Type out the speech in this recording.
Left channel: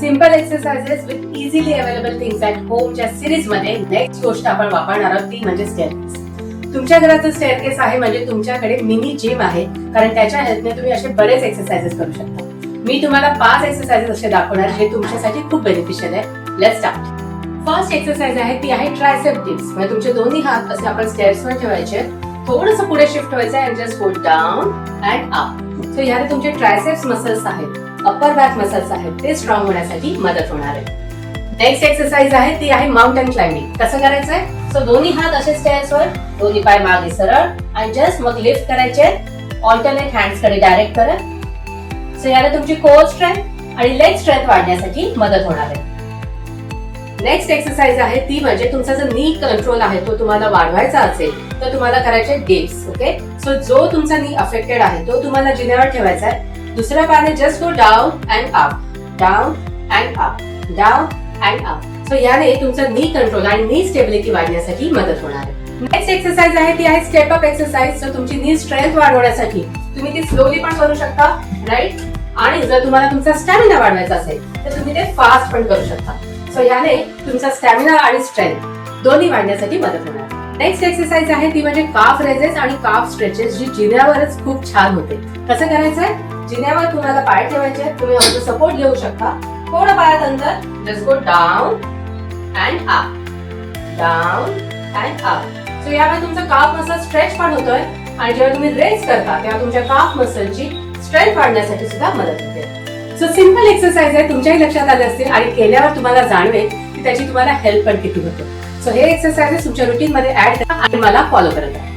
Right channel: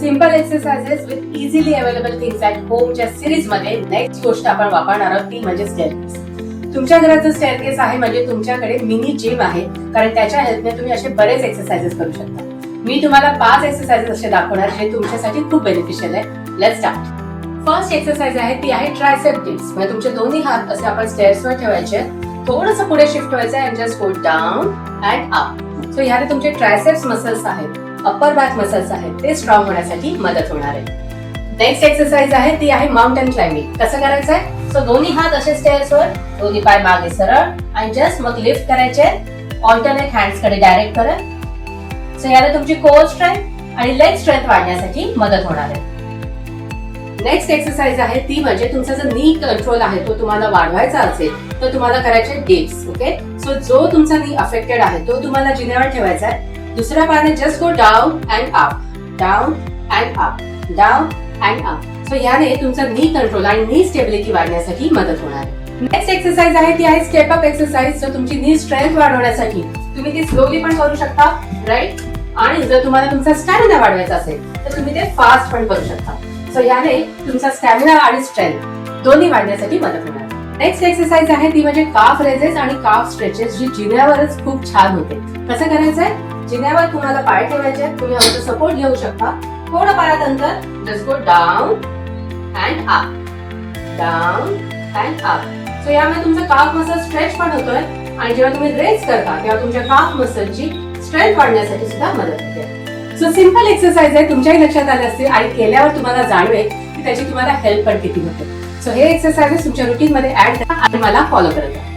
Simple exercises with easily available things at होमच्या series मध्ये next गोष्ट आपण वापरणार आहोत ती म्हणजे स्टेअरकेस. तुमच्या घरात जो स्टेअरकेस आहे म्हणजे तुमच्याकडे मिनी जिम आहे, कारण त्याच्या हेल्पने तुम्ही असे बरेच एक्सरसाइजेस करू शकता. मी तुम्हाला 5 एक्सरसाइजेस असे दाखवणार जे तुमच्यासाठी खूप बेनिफिशियल आहे. Let's start. फर्स्ट एक्सरसाइज आहे ती आहे ट्रायसेप डिप्स. म्हणजे तुमचे दोन्ही हात असे आपण स्टेअर्सवर ठेवायचे, थोडंसं पुढे शिफ्ट व्हायचं and just go down and up. So ह्याने तुमचे ट्रायसेप्स मसल्स आहेत, अप्पर बॅक मसल्स आहेत, ते स्ट्रॉंग होण्यासाठी मदत होणार आहे. नेक्स्ट एक्सरसाइज आहे ती आहे माउंटेन क्लाइम्बिंग. कसं करायचं आहे? सो दोन्ही हात असे स्टेअर्सवर, दोन्ही पाय मागे सरळ आणि जस्ट मग लिफ्ट करायचे ऑल्टरनेट हँड्स कडे डायरेक्ट करत. सो याने तुमची कोर स्ट्रेंथ आणि लेग स्ट्रेंथ वाढण्यासाठी मदत होणार आहे. नेक्स्ट एक्सरसाइज आहे ती म्हणजे तुमचा जो नी कंट्रोल आहे तो तुम्हाला वाढवायचा असेल तर तुम्हाला करायचे डिप्स. ओके, सो जो तुमचा नी अफेक्टेड आहे तो तुम्हाला जिन्यावर ठेवायचा आहे. दुसऱ्या पायाने just go down and up, down and up, down and up. So याने तुमचा नी कंट्रोल आणि नी स्टेबिलिटी वाढण्यासाठी मदत होणार आहे. नेक्स्ट एक्सरसाइज आहे ती आहे स्टेप अप एक्सरसाइज. सो तुमची नी स्ट्रेंथ वाढवण्यासाठी तुम्ही ती स्लोली पण करू शकता, राईट. आणि जर तुम्हाला तुमचा स्टॅमिना वाढवायचा असेल तर तुम्ही ते फास्ट पण करू शकता. सो याने तुमचा स्टॅमिना आणि स्ट्रेंथ दोन्ही वाढण्यासाठी मदत होणार. नेक्स्ट एक्सरसाइज आहे ती म्हणजे काफ रेजेस आणि काफ स्ट्रेचेस, जी जिन्यावरच खूप छान होते. कसं करायचंय? जिन्यावर तुम्हाला पाय ठेवायचे, तुम्ही आमचा सपोर्ट घेऊ शकता. थोडं पायात अंतर, just go down and up, down and up. So यामुळे तुमचा काफ मसल स्ट्रेच पण होतोय आणि जेव्हा तुम्ही रेस्ट करता तेव्हा तुमच्या काफ मसलची स्ट्रेंथ वाढण्यासाठी सुद्धा मदत होते. सो सिंपल एक्सरसाइज आहे, तुमच्याही लक्षात आले असतील आणि केल्यावर तुम्हाला जाणवेल की त्याची तुम्हाला हेल्प पण किती होते. सो हे एक्सरसाइजेस तुमच्या रुटीन मध्ये ऍड करा आणि मला फॉलो करत राहा.